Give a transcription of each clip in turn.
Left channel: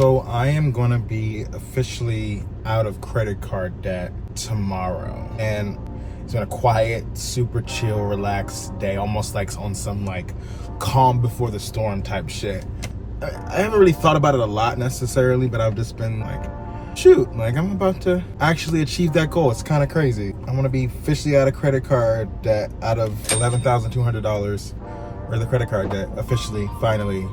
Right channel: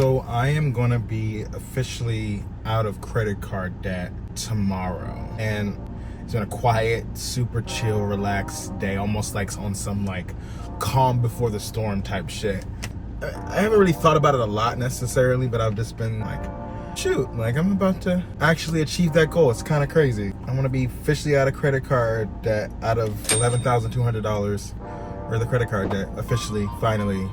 So I am gonna be officially out of credit card debt tomorrow. And it's been a quiet, super chill, relaxed day, almost like on some like calm before the storm type shit. I haven't really thought about it a lot necessarily, but I've just been like, shoot, like I'm about to actually achieve that goal. It's kind of crazy. I want to be officially out of credit card debt, out of $11,200 worth of credit card debt, officially, finally.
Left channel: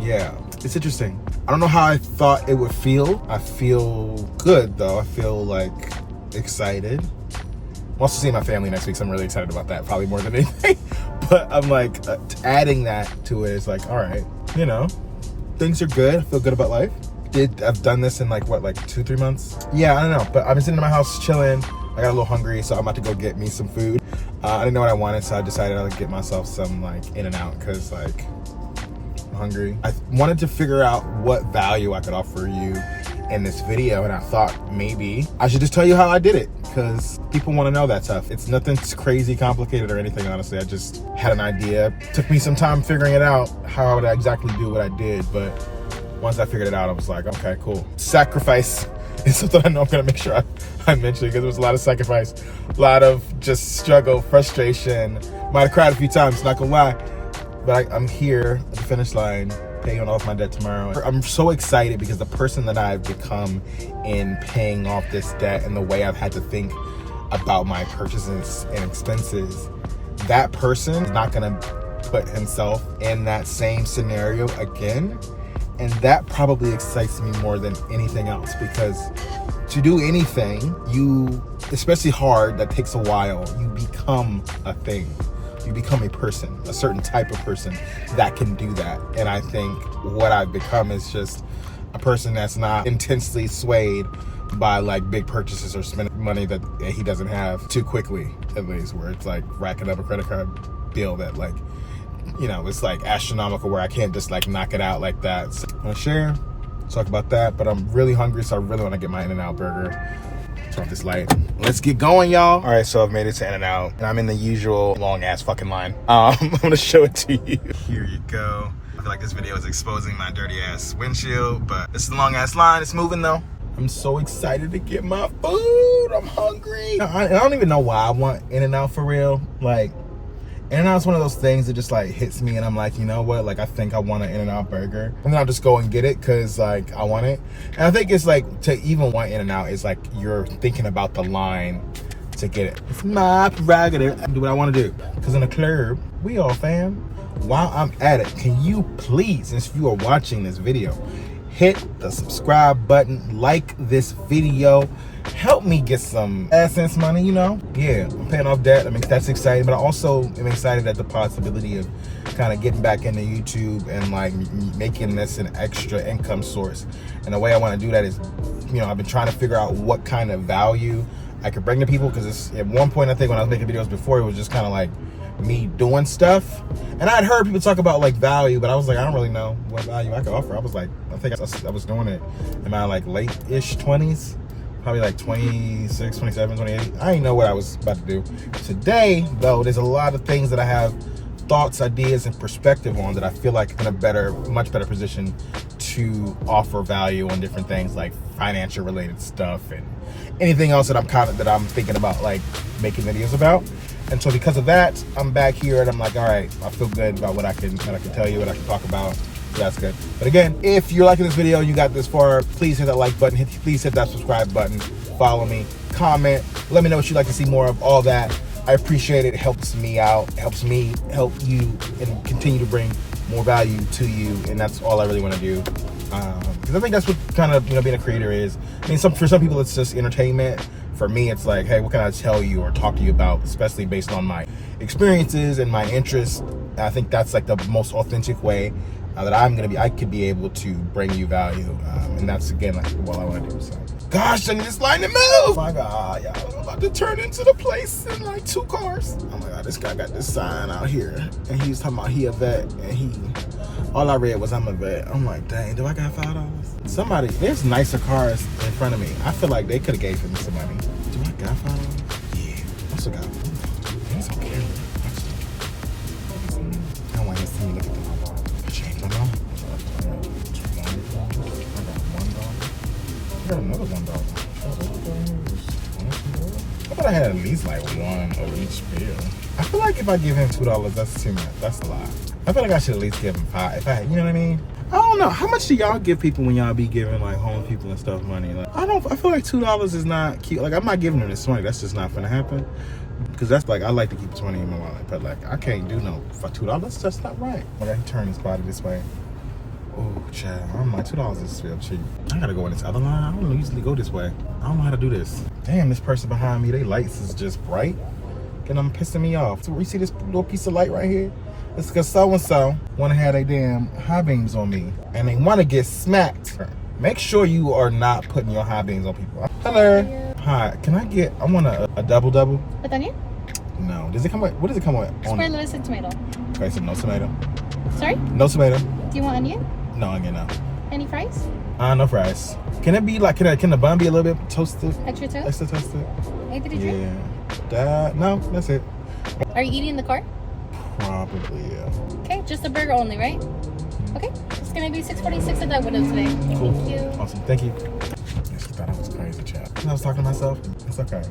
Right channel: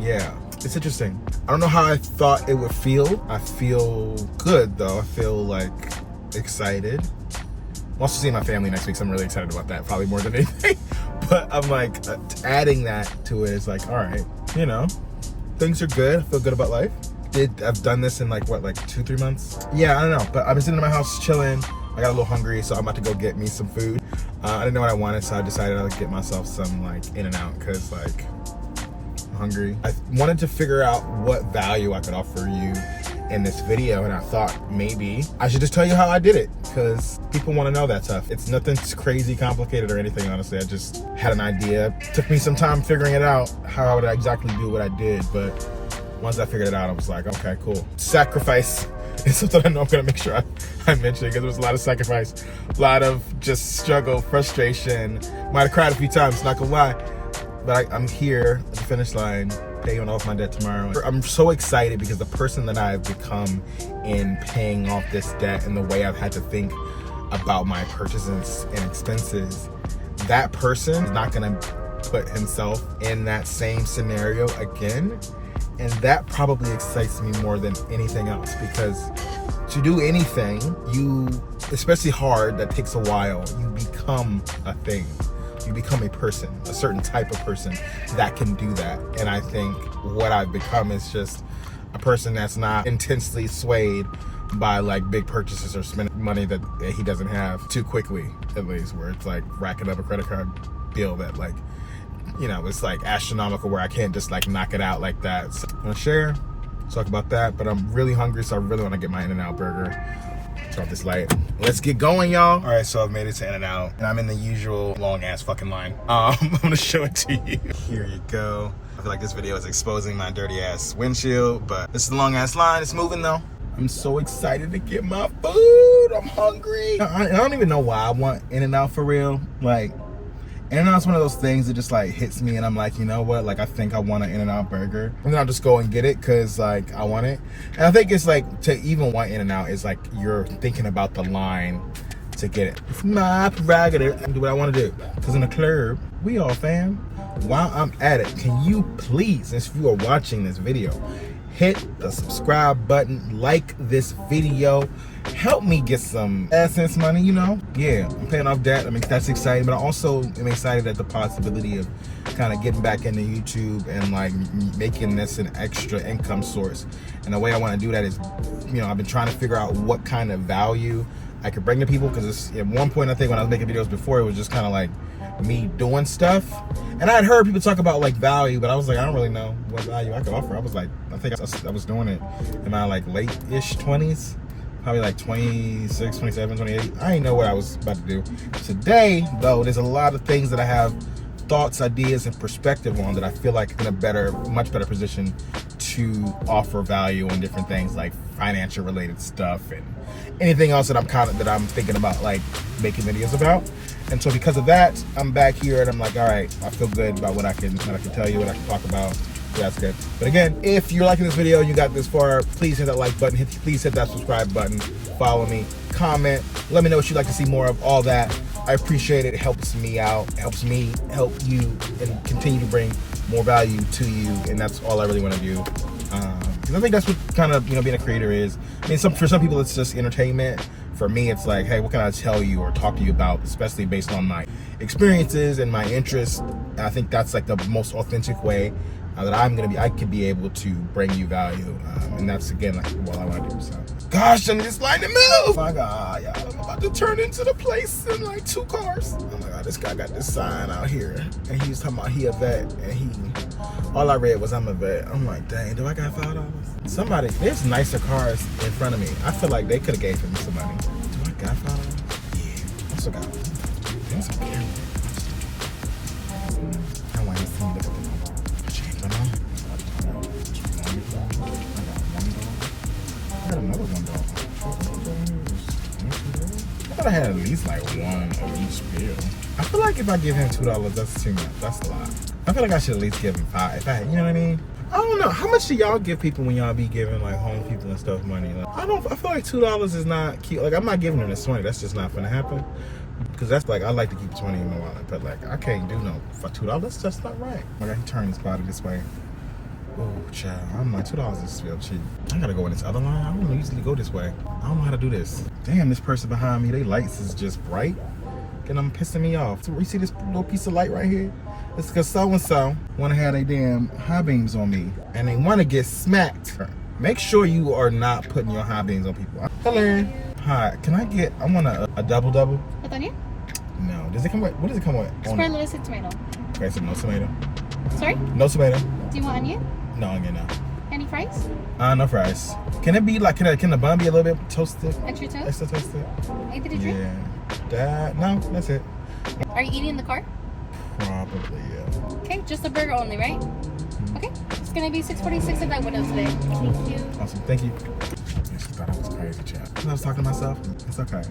Yeah, it's interesting. I don't know how I thought it would feel. I feel good though. I feel like excited. I'm also seeing my family next week, so I'm really excited about that, probably more than anything. But I'm like, adding that to it is like, all right, you know, things are good. I feel good about life. I've done this in like 2-3 months? Yeah, I don't know, but I've been sitting in my house chilling. I got a little hungry, so I'm about to go get me some food. I didn't know what I wanted, so I decided I'd get myself some like In-N-Out, because like I'm hungry. I wanted to figure out what value I could offer you in this video, and I thought maybe I should just tell you how I did it, because people want to know that stuff. It's nothing crazy complicated or anything, honestly. I just had an idea. Took me some time figuring it out, how would I exactly do what I did, but once I figured it out, I was like, okay, cool. Sacrifice is something I know I'm gonna make sure I mention, because there was a lot of sacrifice, a lot of just struggle, frustration. Might have cried a few times, not gonna lie. But I'm here at the finish line, paying off my debt tomorrow. I'm so excited because the person that I've become in paying off this debt and the way I've had to think about my purchases and expenses, that person is not gonna put himself in that same scenario again. And that probably excites me more than anything else, because to do anything, especially hard, that takes a while, you become a thing. You become a person, a certain type of person that can do that. And I think what I've become is just a person that's not intensely swayed by like big purchases or spending money that he doesn't have too quickly, at least, where it's like racking up a credit card bill that like, you know, it's like astronomical, where I can't just like knock it out like that. So I'm gonna share, talk about that, but I'm really hungry, so I really wanna get my In-N-Out burger. Turn off this light. Let's get going, y'all. All right, so I've made it to In-N-Out, and I'm in the usual long ass fucking line. I'm gonna show it to you. Here you go. I feel like this video is exposing my dirty ass windshield, but this is the long ass line. It's moving though. I'm so excited to get my food. I'm hungry. I don't even know why I want In-N-Out for real. Like, In-N-Out's one of those things that just like hits me, and I'm like, you know what, like I think I want an In-N-Out burger, and then I'll just go and get it because like I want it. And I think it's like, to even want In-N-Out is like you're thinking about the line to get it. It's my prerogative. I do what I want to do, because in the club we all fam. While I'm at it, can you please, if you are watching this video, hit the subscribe button, like this video, help me get some AdSense money, you know? Yeah, I'm paying off debt. I mean, that's exciting, but I also am excited at the possibility of kind of getting back into YouTube and like making this an extra income source. And the way I want to do that is, you know, I've been trying to figure out what kind of value I could bring to people, because at one point, I think when I was making videos before, it was just kind of like me doing stuff. And I had heard people talk about like value, but I was like, I don't really know what value I could offer. I was like, I think I was doing it in my like late-ish 20s. Probably like 26, 27, 28. I didn't know what I was about to do. Today, though, there's a lot of things that I have thoughts, ideas, and perspective on that I feel like in a much better position to offer value on different things like financial related stuff and anything else that I'm thinking about like making videos about. And so because of that, I'm back here and I'm like, all right, I feel good about what I can tell you, what I can talk about. That's good. But again, if you're liking this video and you got this far, please hit that like button. Please hit that subscribe button. Follow me. Comment. Let me know what you'd like to see more of. All that. I appreciate it. It helps me out. It helps me help you and continue to bring more value to you. And that's all I really want to do. Because I think that's what kind of, you know, being a creator is. I mean, for some people, it's just entertainment. For me, it's like, hey, what can I tell you or talk to you about, especially based on my experiences and my interests. And I think that's like the most authentic way that I could be able to bring you value, and that's again like what I want to do. So, gosh, I need this line to move. Oh my God, yeah, I'm about to turn into the place in like 2 cars. Oh my God, this guy got this sign out here, and he was talking about he a vet, and all I read was I'm a vet. I'm like, dang, do I got $5? Somebody, there's nicer cars in front of me. I feel like they could have gave me some money. Do I got $5? Yeah, also got. There's some camera. I want to see. I got another $1. I thought I had at least like one of each meal. I feel like if I give him $2, that's too much. That's a lot. I feel like I should at least give him $5. If I, you know what I mean? I don't know. How much do y'all give people when y'all be giving like home people and stuff money? Like, I feel like $2 is not cute. Like, I'm not giving them this money. That's just not gonna happen. Because that's like, I like to keep 20 in my wallet, but like, I can't do no for $2. That's just not right. Like, I can turn this body this way. Oh, child. I'm like, $2 is still cheap. I gotta go in this other line. I don't usually go this way. I don't know how to do this. Damn, this person behind me, they lights is just bright. And I'm pissing me off. So you see this little piece of light right here? It's because so-and-so want to have their damn high beams on me. And they want to get smacked. Make sure you are not putting your high beams on people. Hello. Hi, can I want a double-double? With onion? No. Does it come with, what does it come with? Scrambled lettuce and tomato. Okay, so no tomato. Sorry? No tomato. Do you want onion? No onion, no. Any fries? No fries. Can it be like, can the bun be a little bit toasted? Extra toast? Extra toasted? Anything to drink? Yeah. No, that's it. Are you eating in the car? Probably, yeah. Okay, just the burger only, right? Okay, it's gonna be $6.46 at that window today. Cool. Thank you. Awesome, thank you. Yeah, she thought I was crazy, child. I was talking to myself. It's okay.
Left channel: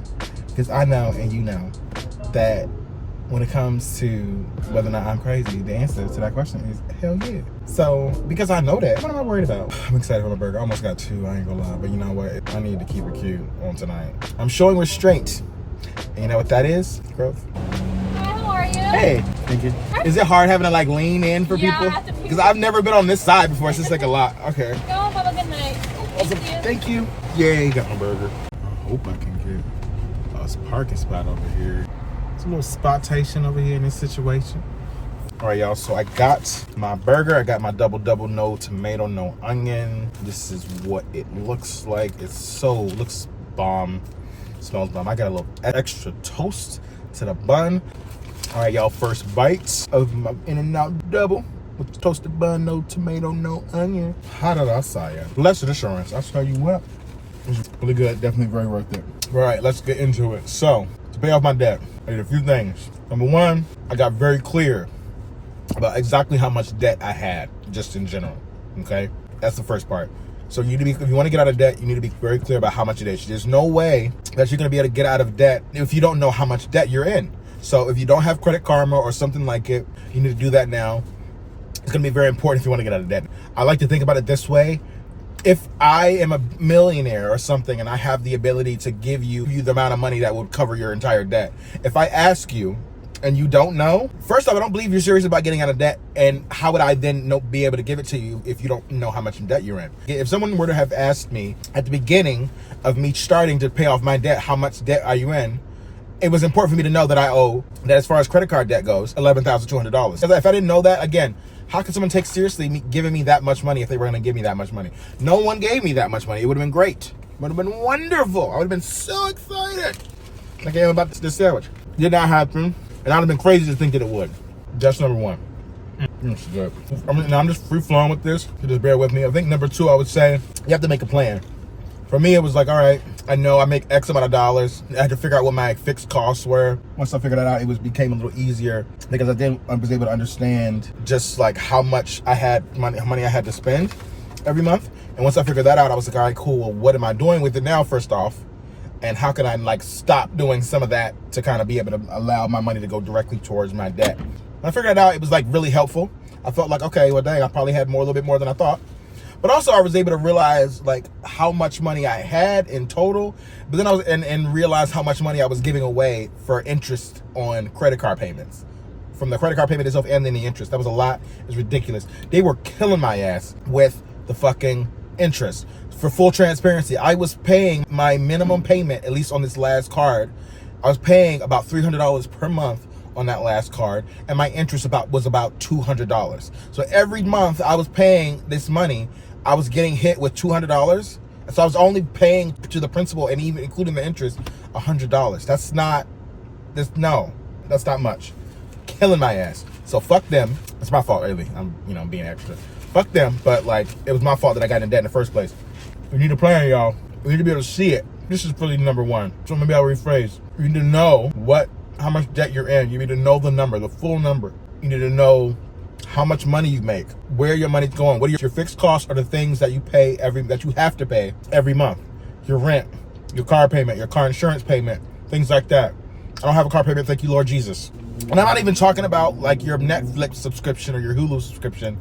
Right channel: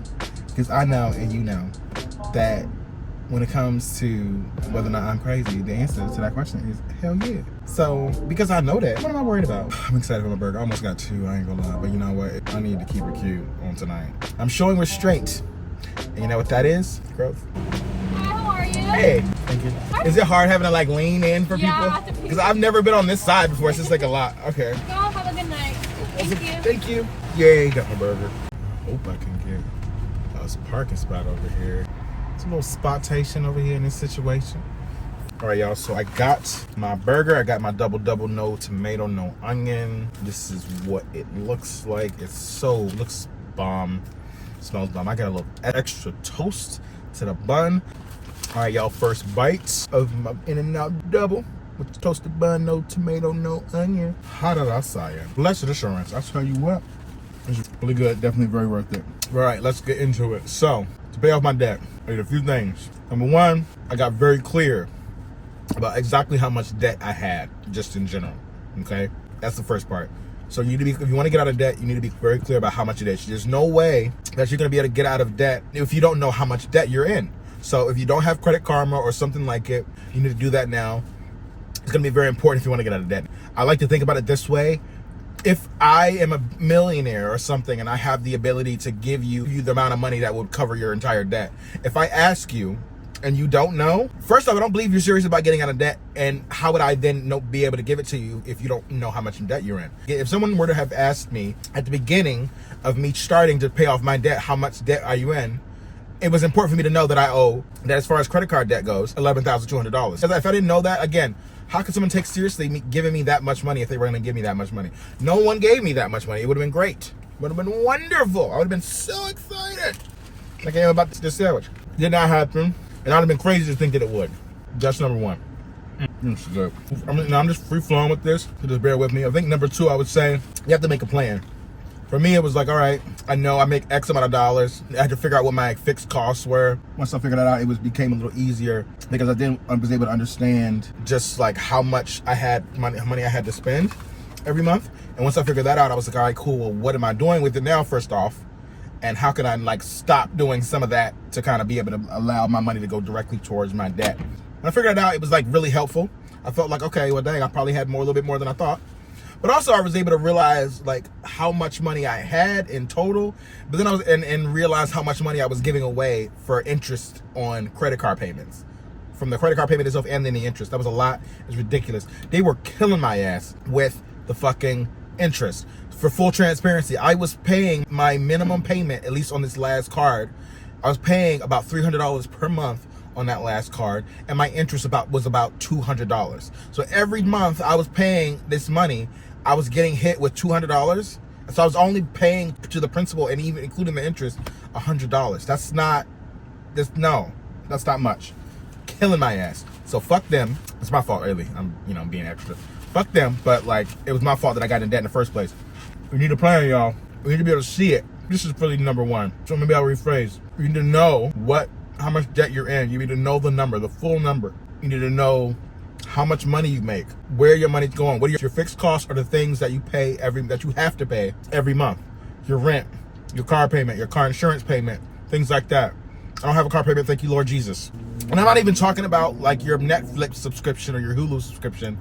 Because I know, and you know, that when it comes to whether or not I'm crazy, the answer to that question is hell yeah. So, because I know that, what am I worried about? I'm excited for my burger. I almost got 2, I ain't gonna lie. But you know what? I need to keep it cute on tonight. I'm showing restraint. And you know what that is? Growth. Hey, is it hard having to like lean in for people? Because I've never been on this side before. It's just like a lot. Okay. Go, have a good night. Thank you. Thank you. Yay, got my burger. I hope I can get a parking spot over here. It's a little spotation over here in this situation. All right, y'all. So I got my burger. I got my double-double, no tomato, no onion. This is what it looks like. Looks bomb. Smells bomb. I got a little extra toast to the bun. All right, y'all, first bites of my In-N-Out double with the toasted bun, no tomato, no onion. How did I say it? Blessed assurance. I tell you what, it's really good. Definitely very worth it. All right, let's get into it. So, to pay off my debt, I did a few things. Number one, I got very clear about exactly how much debt I had, just in general, okay? That's the first part. So you need to be, if you want to get out of debt, you need to be very clear about how much it is. There's no way that you're going to be able to get out of debt if you don't know how much debt you're in. So if you don't have Credit Karma or something like it, you need to do that now. It's going to be very important if you want to get out of debt. I like to think about it this way. If I am a millionaire or something and I have the ability to give you the amount of money that would cover your entire debt, if I ask you and you don't know, first off, I don't believe you're serious about getting out of debt. And how would I then be able to give it to you if you don't know how much debt you're in? If someone were to have asked me at the beginning of me starting to pay off my debt, how much debt are you in? It was important for me to know that I owe, that as far as credit card debt goes, $11,200. If I didn't know that, again, how could someone take seriously me giving me that much money if they were going to give me that much money? No one gave me that much money. It would have been great. It would have been wonderful. I would have been so excited. Like I am about this sandwich. Did not happen. And I'd have been crazy to think that it would. That's number one. It's good. I'm just free flowing with this, so just bear with me. I think number two, I would say, you have to make a plan. For me, it was like, all right, I know I make X amount of dollars. I had to figure out what my fixed costs were. Once I figured that out, it became a little easier because I was able to understand just like how much I had money I had to spend every month. And once I figured that out, I was like, all right, cool. Well, what am I doing with it now, first off? And how can I like stop doing some of that to kind of be able to allow my money to go directly towards my debt? When I figured that out, it was like really helpful. I felt like, okay, well, dang, I probably had a little bit more than I thought. But also I was able to realize like how much money I had in total, but then I was and realize how much money I was giving away for interest on credit card payments. From the credit card payment itself and then the interest. That was a lot. It was ridiculous. They were killing my ass with the fucking interest. For full transparency, I was paying my minimum payment, at least on this last card. I was paying about $300 per month on that last card, and my interest was about $200. So every month I was paying this money, I was getting hit with $200. So I was only paying to the principal and even including the interest $100. That's not much. Killing my ass. So fuck them. It's my fault, really. I'm being extra. Fuck them, but like it was my fault that I got in debt in the first place. We need a plan, y'all. We need to be able to see it. This is really number one. So maybe I'll rephrase. You need to know how much debt you're in. You need to know the number, the full number. You need to know how much money you make, where your money's going, what are your fixed costs are the things that you pay that you have to pay every month. your rent, your car payment, your car insurance payment, things like that. I don't have a car payment, thank you, Lord Jesus. And I'm not even talking about like your Netflix subscription or your Hulu subscription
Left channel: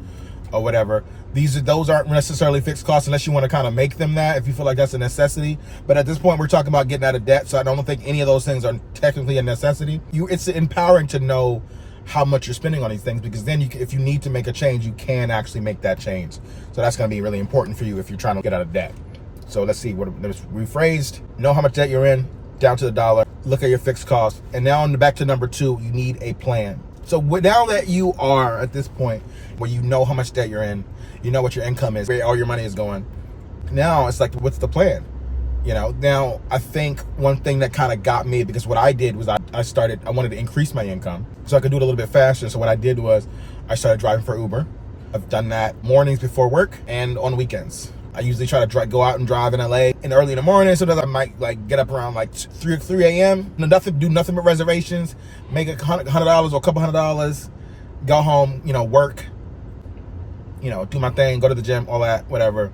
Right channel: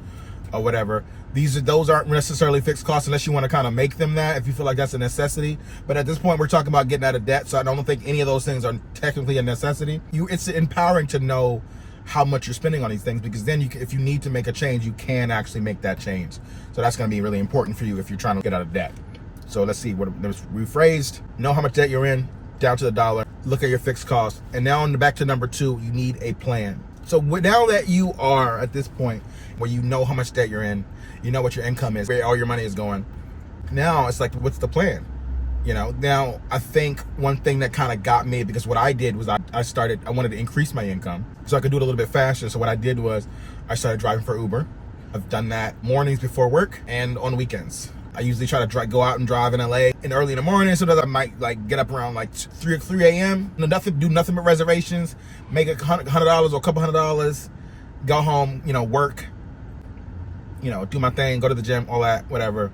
or whatever. Those aren't necessarily fixed costs unless you want to kind of make them that, if you feel like that's a necessity. But at this point, we're talking about getting out of debt, so I don't think any of those things are technically a necessity. It's empowering to know how much you're spending on these things, because then if you need to make a change, you can actually make that change. So that's going to be really important for you if you're trying to get out of debt. So let's see what it was rephrased. Know how much debt you're in, down to the dollar. Look at your fixed costs. And now back to number 2, you need a plan. So now that you are at this point where you know how much debt you're in, you know what your income is, where all your money is going, now it's like, what's the plan? Now I think one thing that kind of got me, because what I did was I wanted to increase my income so I could do it a little bit faster. So what I did was I started driving for Uber. I've done that mornings before work and on weekends. I usually try to go out and drive in LA and early in the morning, so that I might like get up around like 3 a.m. Do nothing but reservations, make $100 or a couple $100, go home, work, do my thing, go to the gym, all that, whatever,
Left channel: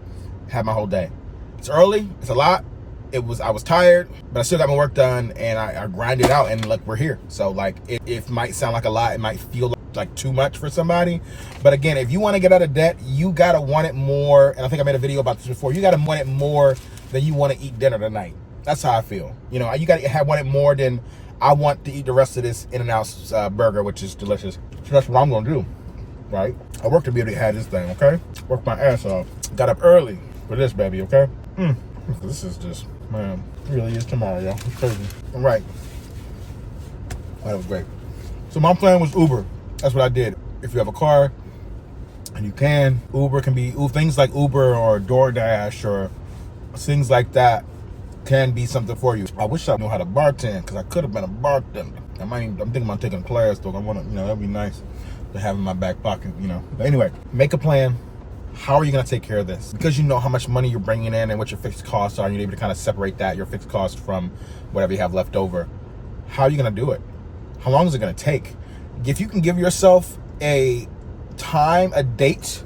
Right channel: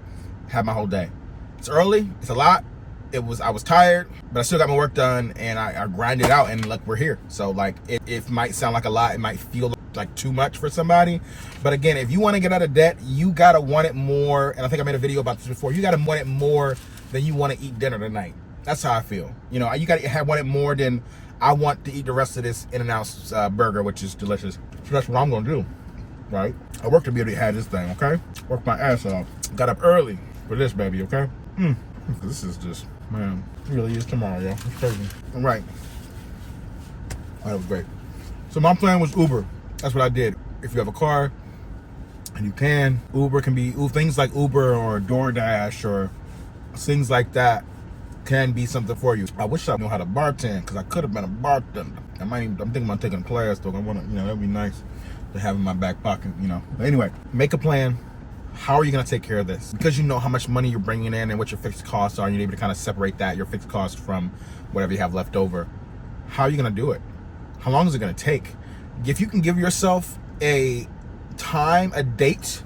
have my whole day. It's early, it's a lot. I was tired, but I still got my work done, and I grinded out, and look, we're here. So like, it might sound like a lot, it might feel like too much for somebody, but again, if you want to get out of debt, you gotta want it more. And I think I made a video about this before. You gotta want it more than you want to eat dinner tonight. That's how I feel. You gotta want it more than I want to eat the rest of this In-N-Out burger, which is delicious. So that's what I'm gonna do, right? I worked to be able to have this thing, okay? Worked my ass off. Got up early for this baby, okay? This is just, man, it really is tomorrow, y'all. It's crazy. All right. That was great. So my plan was Uber. That's what I did. If you have a car and you can, Uber can be, things like Uber or DoorDash or things like that can be something for you. I wish I knew how to bartend, because I could have been a bartender. I'm thinking about taking a class though. I want to, that'd be nice to have in my back pocket, But anyway, make a plan. How are you going to take care of this? Because you know how much money you're bringing in and what your fixed costs are, and you're able to kind of separate your fixed costs from whatever you have left over. How are you going to do it? How long is it going to take? If you can give yourself a date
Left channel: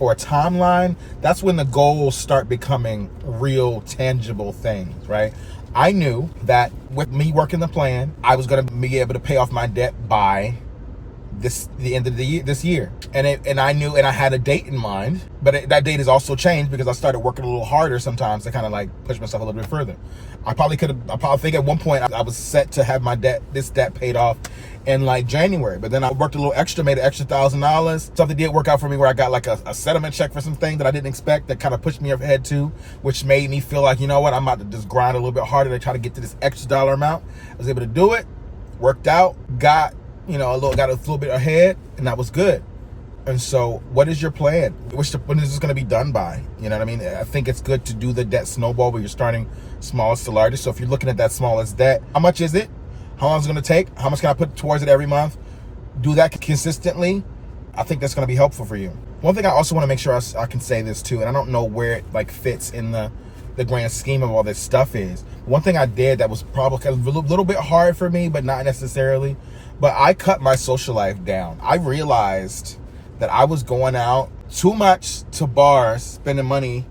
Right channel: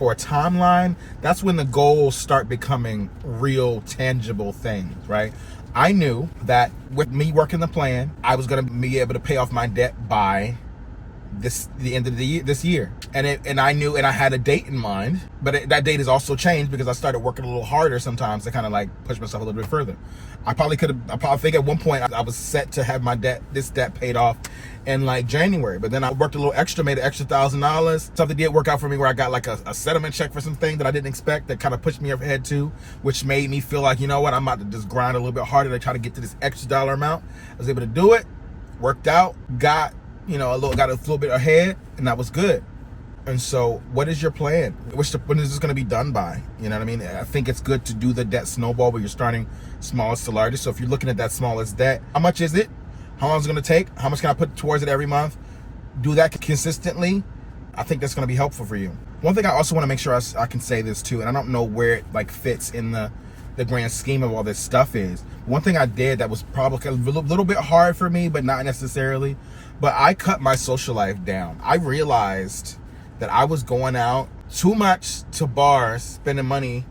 or a timeline, that's when the goals start becoming real tangible things, right? I knew that with me working the plan, I was going to be able to pay off my debt by the end of the year, this year. And I knew, and I had a date in mind, but that date has also changed because I started working a little harder sometimes to kind of like push myself a little bit further. I probably think at one point I was set to have this debt paid off in like January, but then I worked a little extra, made an extra $1,000. Something did work out for me where I got like a settlement check for something that I didn't expect, that kind of pushed me ahead too, which made me feel like, you know what, I'm about to just grind a little bit harder to try to get to this extra dollar amount. I was able to do it, worked out, got a little bit ahead, and that was good. And so what is your plan? When is this going to be done by? You know what I mean? I think it's good to do the debt snowball where you're starting smallest to largest. So if you're looking at that smallest debt, how much is it? How long is it going to take? How much can I put towards it every month? Do that consistently. I think that's going to be helpful for you. One thing I also want to make sure I can say this too, and I don't know where it like fits in the grand scheme of all this stuff is. One thing I did that was probably a little bit hard for me, but not necessarily, but I cut my social life down. I realized that I was going out too much to bars, spending money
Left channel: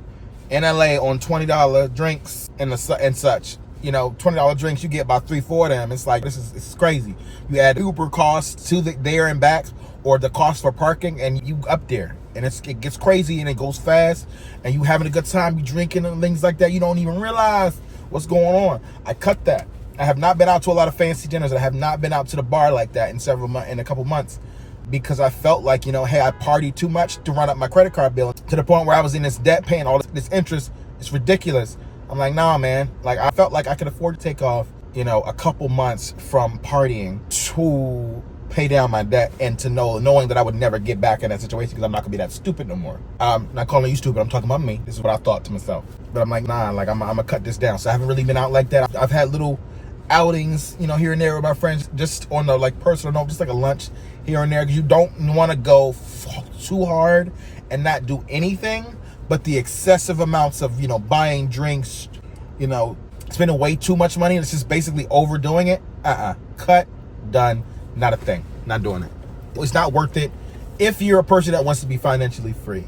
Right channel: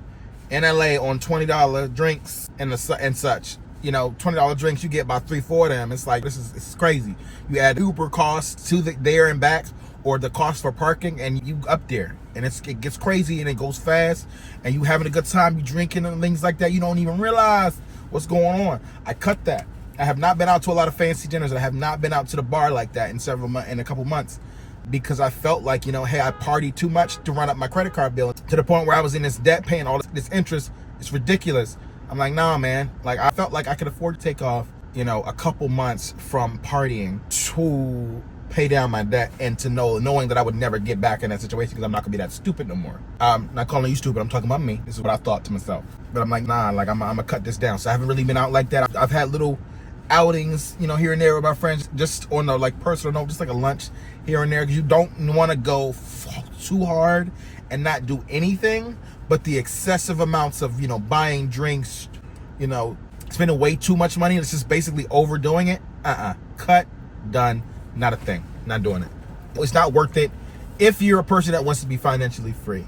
in LA on $20 drinks and such. $20 drinks, you get about 3-4 of them. It's like, it's crazy. You add Uber costs to there and back, or the cost for parking, and you up there. And it gets crazy, and it goes fast, and you having a good time, you drinking and things like that. You don't even realize what's going on. I cut that. I have not been out to a lot of fancy dinners. I have not been out to the bar like that in a couple months, because I felt like, hey, I partied too much to run up my credit card bill to the point where I was in this debt, paying all this interest. It's ridiculous. I'm like, nah, man. Like, I felt like I could afford to take off, a couple months from partying to pay down my debt, and to knowing that I would never get back in that situation, because I'm not gonna be that stupid no more. Not calling you stupid, I'm talking about me. This is what I thought to myself. But I'm like, nah, like I'm gonna cut this down. So I haven't really been out like that. I've had little outings, here and there with my friends, just on the like personal note, just like a lunch here and there, because you don't want to go too hard and not do anything. But the excessive amounts of buying drinks, spending way too much money, and it's just basically overdoing it. Cut, done, not a thing, not doing it. It's not worth it if you're a person that wants to be financially free.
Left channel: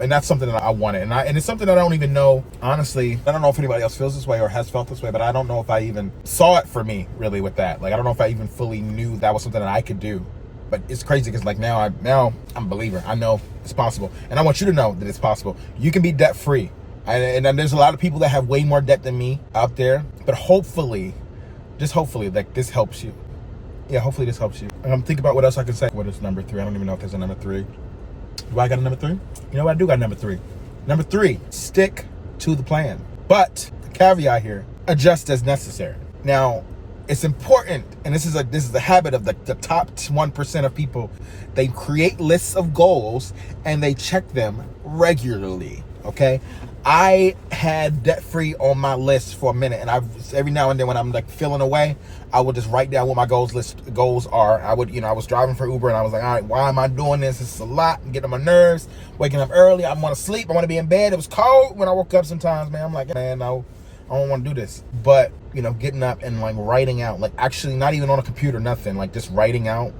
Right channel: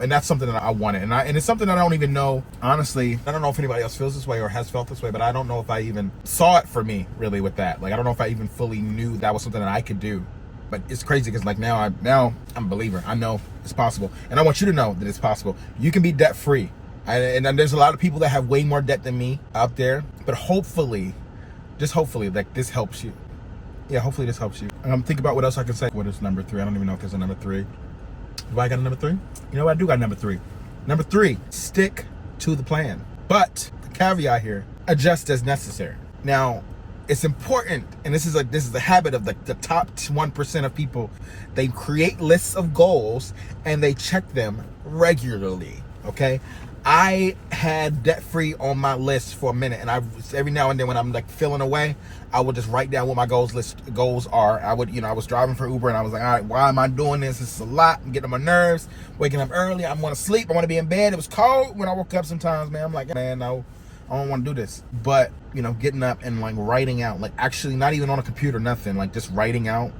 And that's something that I wanted. And it's something that I don't even know, honestly, I don't know if anybody else feels this way or has felt this way, but I don't know if I even saw it for me really with that. Like, I don't know if I even fully knew that was something that I could do. But it's crazy because like now I'm a believer. I know it's possible. And I want you to know that it's possible. You can be debt free. And there's a lot of people that have way more debt than me out there. But hopefully, just hopefully, like this helps you. Yeah, hopefully this helps you. Think about what else I can say. What is number 3? I don't even know if there's a number 3. Do I got a number 3? You know what? I do got a number 3. Number 3, stick to the plan. But the caveat here, adjust as necessary. Now, it's important, and this is a habit of the top 1% of people. They create lists of goals and they check them regularly. Okay, I had debt free on my list for a minute, and every now and then when I'm like feeling away, I would just write down what my goals are. I was driving for Uber and I was like, all right, why am I doing this? This is a lot. I'm getting on my nerves. Waking up early. I want to sleep. I want to be in bed. It was cold when I woke up sometimes, man. I'm like, man, no, I don't want to do this. But, getting up and like writing out, like actually not even on a computer, nothing, like just writing out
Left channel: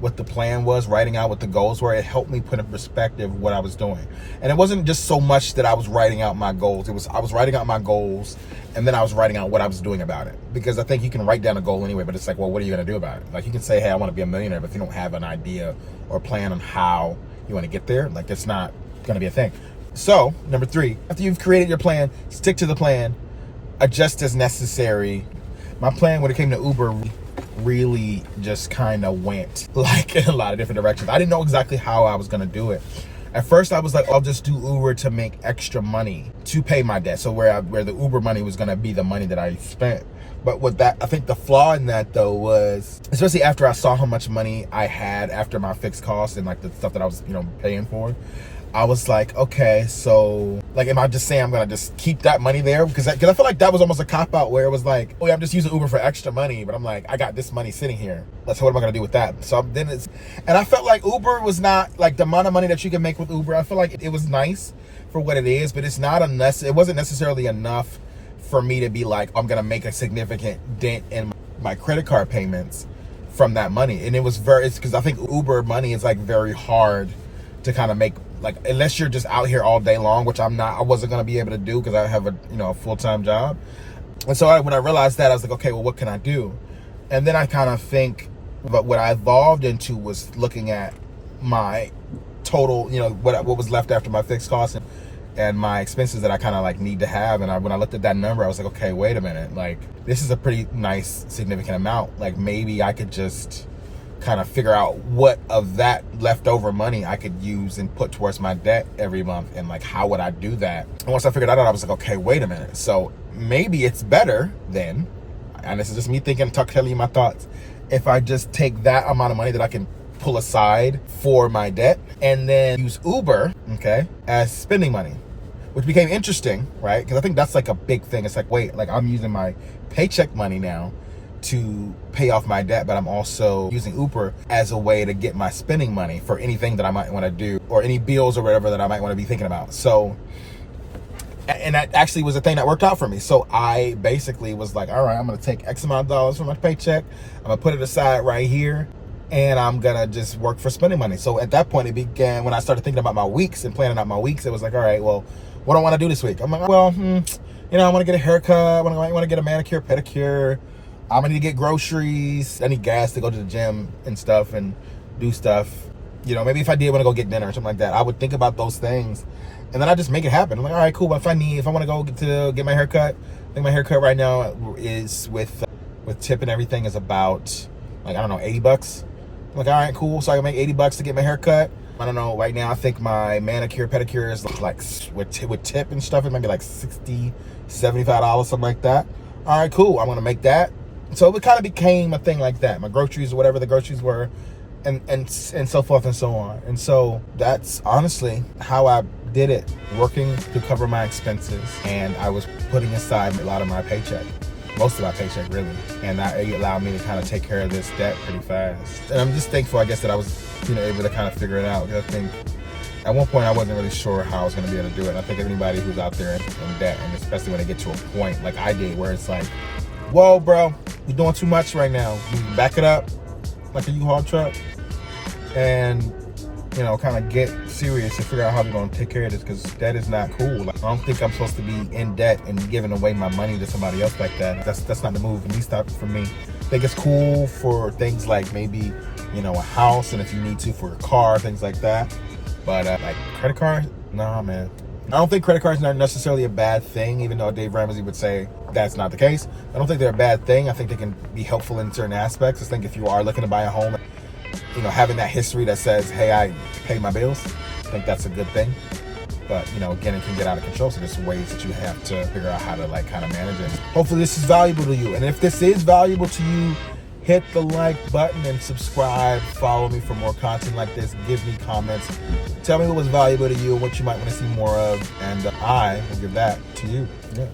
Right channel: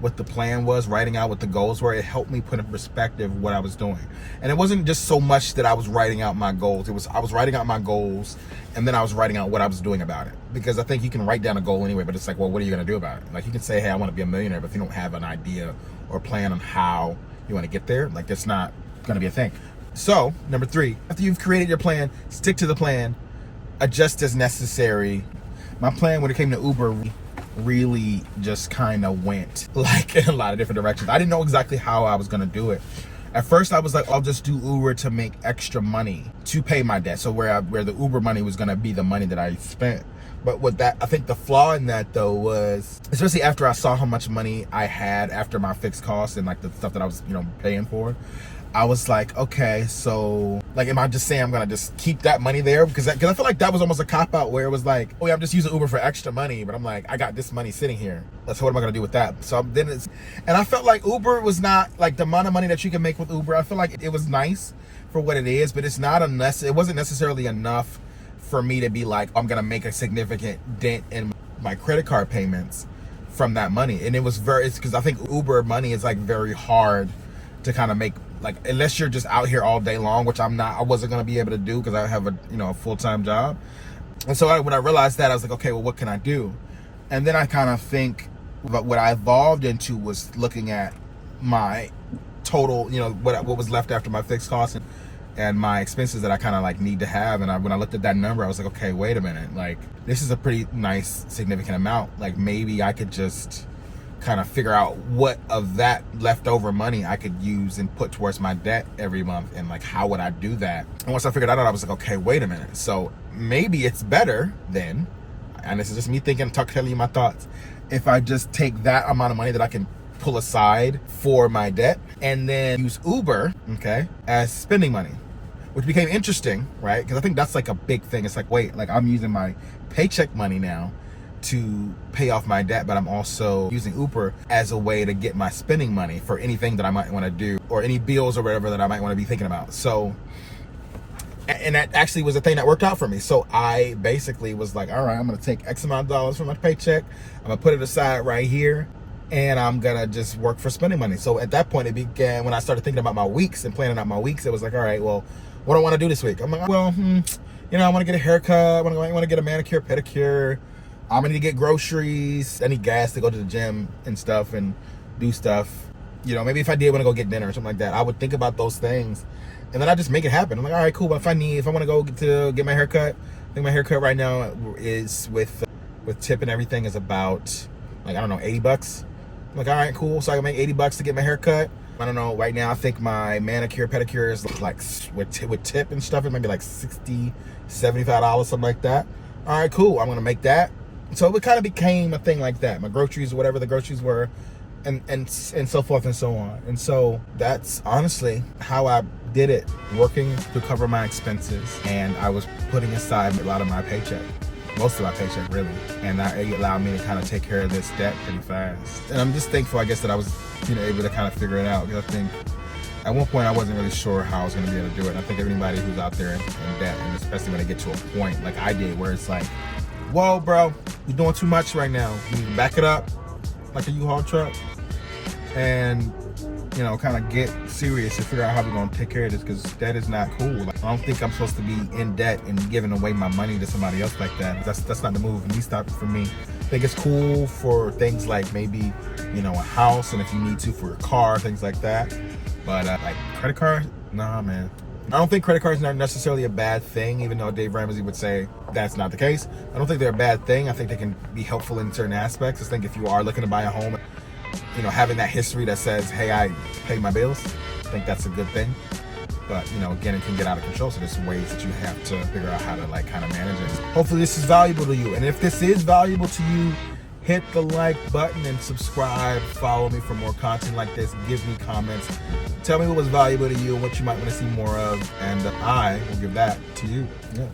what the plan was, writing out what the goals were. It helped me put in perspective what I was doing. And it wasn't just so much that I was writing out my goals. I was writing out my goals and then I was writing out what I was doing about it. Because I think you can write down a goal anyway, but it's like, well, what are you going to do about it? Like you can say, hey, I want to be a millionaire, but if you don't have an idea or plan on how you want to get there, like it's not going to be a thing. So, number 3, after you've created your plan, stick to the plan, adjust as necessary. My plan when it came to Uber really just kind of went like in a lot of different directions. I didn't know exactly how I was going to do it. At first I was like, I'll just do Uber to make extra money to pay my debt. So where the Uber money was going to be the money that I spent. But with that, I think the flaw in that though was, especially after I saw how much money I had after my fixed costs and like the stuff that I was, paying for, I was like, okay, so like, am I just saying I'm gonna just keep that money there? Because I feel like that was almost a cop out where it was like, oh yeah, I'm just using Uber for extra money, but I'm like, I got this money sitting here. So what am I gonna do with that? So then and I felt like Uber was not like the amount of money that you can make with Uber. I feel like it was nice for what it is, but it wasn't necessarily enough for me to be like, I'm gonna make a significant dent in my credit card payments from that money. And it's because I think Uber money is like very hard to kind of make, like, unless you're just out here all day long, which I wasn't going to be able to do because I have a full-time job. And so when I realized that, I was like, okay, well, what can I do? And then I kind of think about what I evolved into was looking at my total, what was left after my fixed costs and my expenses that I kind of like need to have. And when I looked at that number, I was like, okay, wait a minute. Like, this is a pretty nice, significant amount. Like, maybe I could just kind of figure out what of that leftover money I could use and put towards my debt every month, and like how would I do that. And once I figured that out, I was like, okay, wait a minute, so maybe it's better then, and this is just me thinking, telling you my thoughts, if I just take that amount of money that I can pull aside for my debt and then use Uber, okay, as spending money, which became interesting, right? Because I think that's like a big thing. It's like, wait, like I'm using my paycheck money now to pay off my debt, but I'm also using Uber as a way to get my spending money for anything that I might want to do, or any bills or whatever that I might want to be thinking about. So, and that actually was a thing that worked out for me. So I basically was like, all right, I'm going to take X amount of dollars from my paycheck, I'm going to put it aside right here, and I'm going to just work for spending money. So at that point, it began, when I started thinking about my weeks and planning out my weeks, it was like, all right, well, what do I want to do this week? I'm like, well, I want to get a haircut, I want to get a manicure, pedicure, I'm gonna need to get groceries, I need gas to go to the gym and stuff and do stuff. Maybe if I did want to go get dinner or something like that, I would think about those things and then I just make it happen. I'm like, all right, cool. If I want to go get my haircut, I think my haircut right now is with tip and everything is about like, I don't know, $80. I'm like, all right, cool. So I can make $80 to get my haircut. I don't know, right now I think my manicure, pedicure is like with tip and stuff, it might be like $60, $75, something like that. All right, cool. I'm gonna make that. So it kind of became a thing like that. My groceries, whatever the groceries were, and so forth and so on. And so that's honestly how I did it, working to cover my expenses. And I was putting aside a lot of my paycheck, most of my paycheck really. And that allowed me to kind of take care of this debt pretty fast. And I'm just thankful, I guess, that I was able to kind of figure it out. Because I think at one point I wasn't really sure how I was going to be able to do it. And I think everybody who's out there in debt, and especially when they get to a point like I did, where it's like, whoa, bro, you're doing too much right now. You back it up like a U-Haul truck and you know, kind of get serious and figure out how we're going to take care of this, because debt is not cool. Like, I don't think I'm supposed to be in debt and giving away my money to somebody else like that. That's not the move, at least not for me. I think it's cool for things like maybe, you know, a house, and if you need to for a car, things like that. But like credit card, nah, man. I don't think credit cards are necessarily a bad thing, even though Dave Ramsey would say that's not the case. I don't think they're a bad thing. I think they can be helpful in certain aspects. I think if you are looking to buy a home, you know, having that history that says, hey, I pay my bills, I think that's a good thing. But, you know, again, it can get out of control. So there's some ways that you have to figure out how to like kind of manage it. Hopefully this is valuable to you. And if this is valuable to you, hit the like button and subscribe. Follow me for more content like this. Give me comments. Tell me what was valuable to you and what you might want to see more of. And I will give that to you. Yeah.